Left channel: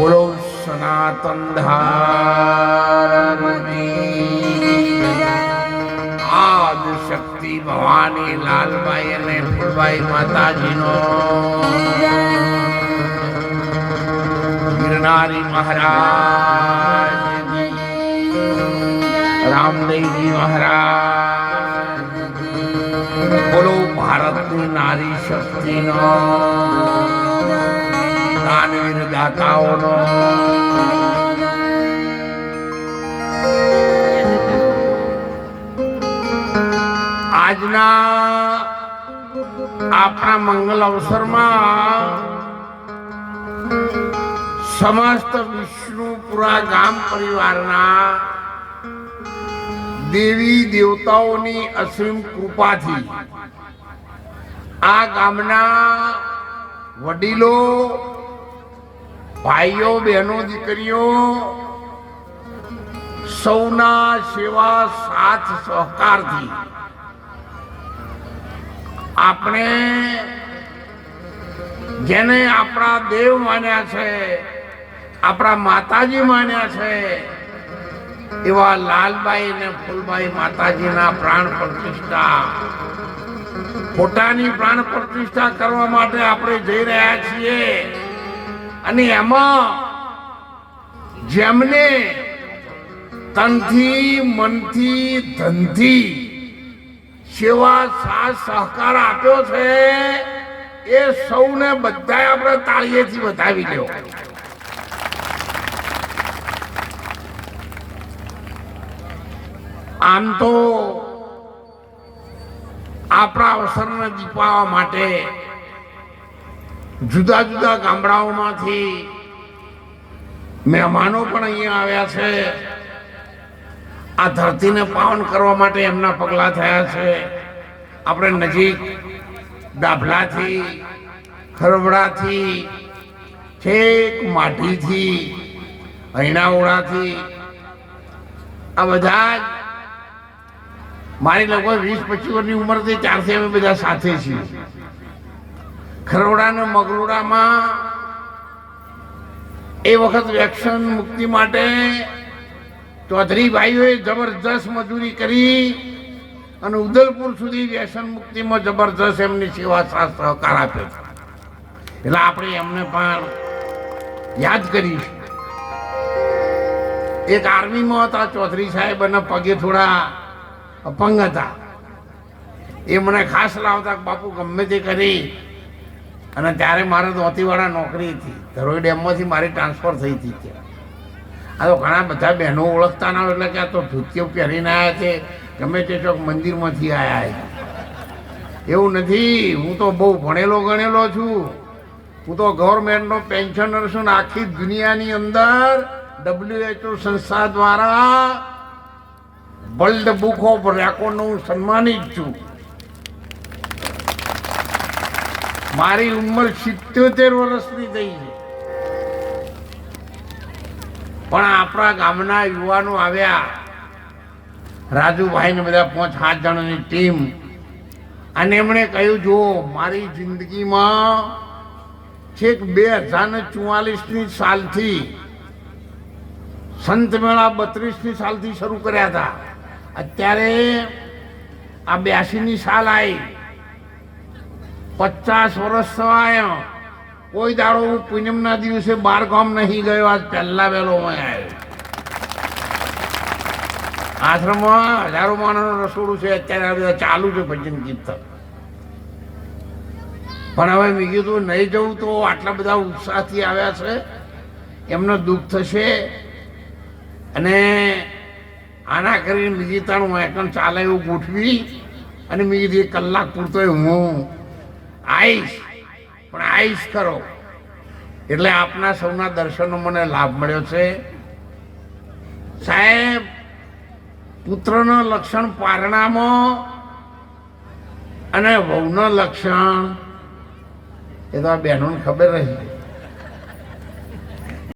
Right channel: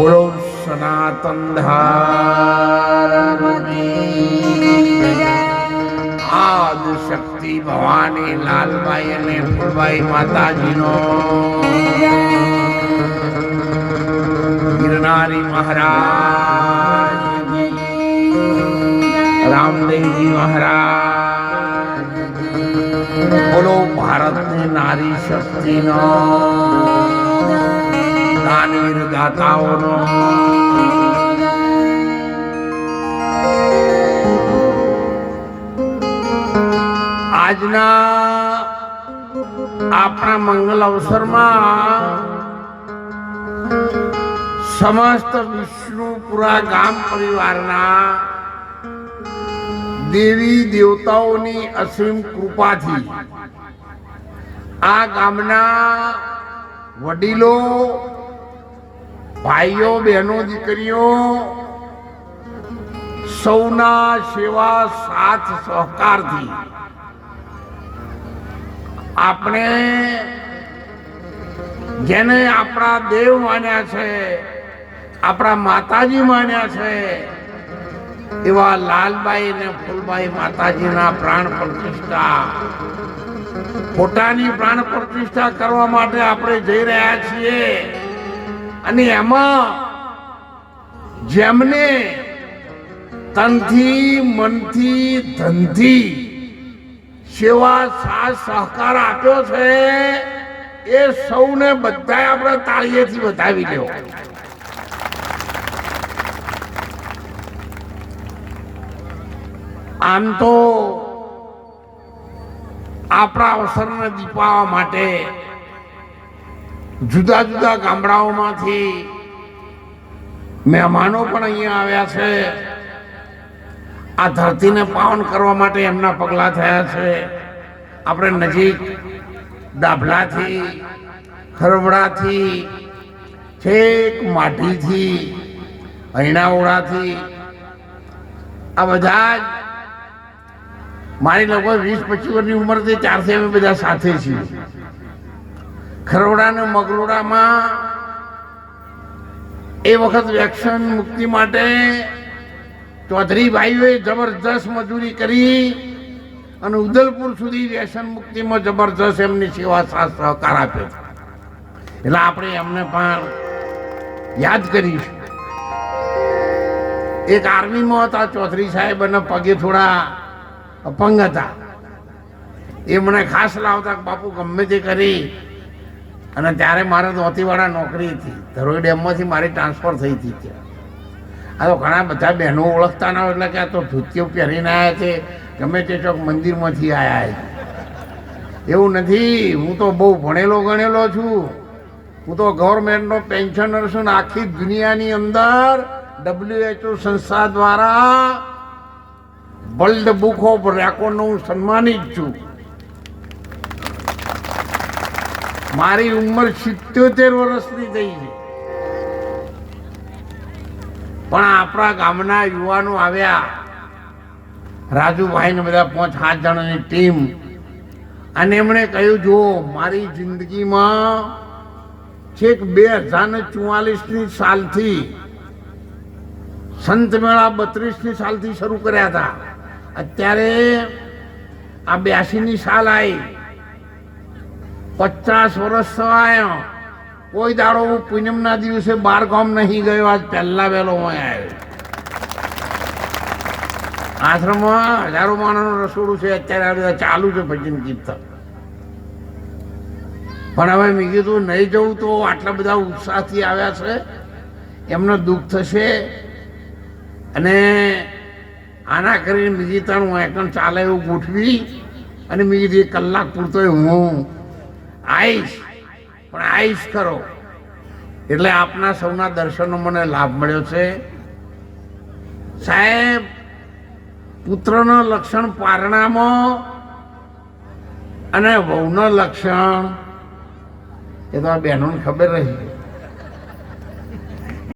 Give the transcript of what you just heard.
બોલો, સનાતન આદુ શક્તિ ભવાની લાલબાઈ અને ફૂલબાઈ માતાજીનો. ગિરનારી મહારાજ. રામદેવજી મહારાજ. બોલો, ભારતની નારી શક્તિનો. દાનવીર દાતાઓનો આજના આપણા મંગલ અવસરમાં સમસ્ત વિષ્ણુપુરા ગામ પરિવારના દેવી દેવતાઓની અસીમ કૃપાથી આ ગામના વડીલો ભાઈઓ, બહેનો, દીકરીઓ, સૌના સેવા સાથ સહકારથી આપણે જેને આપણા દેવ માન્યા છે, આપણા માતાજી માન્યા છે, એવા લાલબાઈ ને ફૂલબાઈ માતાજીના પ્રાણ પ્રતિષ્ઠા, પોતાની પ્રાણ પ્રતિષ્ઠા કરવા માટે આપણે જઈ રહ્યા છીએ. અને એમાં જેમને તનથી, મનથી, ધનથી સેવા, સાથ, સહકાર આપ્યો છે, એ સૌને બધા આપણે તાળીએથી વધાવી લેવો આમ તો આપણા અવસરને દીપાવવા માટે જુદા જુદા ગામડાઓમાંથી મહેમાનો પણ અહીંયા આવ્યા છે. આ ધરતીને પાવન કરવા માટે એમના પગલાં થયા છે. આપણે નજીક દાભલાથી ખરવડાથી છેક માટીથી હૈણાવડાથી આ બધા જ મારી લગભગ વીસ પચીસ વર્ષની ઉંમરથી ત્યારથી અમે બધા સાથે છીએ. ખરવડા અને મગરોડામાં એ વખત વેક્સિન મુક્તિ માટે ચૌધરી ભાઈઓએ જબરજસ્ત મજૂરી કરી અને ઉદલપુર સુધી વ્યસન મુક્તિમાં જબરજસ્ત એમની સેવા સહકાર આપ્યો એટલે આપણે એમને પણ યાદ કરીશું એક આર્મીમાં હતા, ચૌધરી સાહેબ અને પગે થોડા અપંગ હતા. એ મને ખાસ લાવતા બાપુ, ગમે તે કરી. અને ત્યારે મારે ધોતીવાળા નોકરી હતી. ધરોઈ ડેમમાંથી મારી ટ્રાન્સફર થઈ હતી ત્યાં. આ તો ઘણા બધા બહેનો ઓળખતા ના હોય એટલે કે આ તો ધોતીઓ પહેરીને આવ્યા છે. ગમે તે ચોક મંદિરમાંથી આવ્યા છે. એવું નથી. હું તો બહુ ભણેલો ગણેલો છું. હું તો ગવર્મેન્ટનો પેન્શનર છું ને આખી દુનિયાની અંદર ડબ્લ્યુએચઓ સંસ્થા દ્વારા વર્લ્ડ બુક ઓફ રેકોર્ડનું સન્માનિત છું. મારી ઉંમર સિત્યોતેર વર્ષની થઈ છે. પણ આપણા ગામના યુવાનો આવ્યા. રાજુભાઈ ને બધા પાંચ, સાત જણાની ટીમ. અને એમણે કહ્યું, જો મારી જિંદગીમાં છેક બે હજાર ચુવાલીસની સાલથી, સંત મેળા બત્રીસની સાલથી શરૂ કર્યા હતા. અત્યારે આ બ્યાસીની સાલ આવી પચાસ વર્ષ થવાયો. કોઈ દાડો હું પૂનમના દિવસે બાર ગામ નહીં ગયો, આજ પહેલા વહેલો આવ્યો આશ્રમમાં હજારો માણસનું રસોડું છે, અત્યારે ચાલુ છે ભજન કીર્તન. પણ હવે મેં કીધું, નહીં જવું તો આટલા બધા ઉત્સાહથી આવ્યા છે. એમને દુઃખ થશે. અને આના કરીને બીજી ત્રણ હું એકમ ચાલે એવું ગોઠવી. અને એક કલાક પૂરતો હું આવીશ પણ આવીશ કરો એટલે આપના સૌના દર્શનનો મને લાભ મળ્યો છે. સાહેબ, પુત્રનો લક્ષણ પારણામાં અને વહુનો લક્ષણ. એ તો બહેનોને ખબર રહી.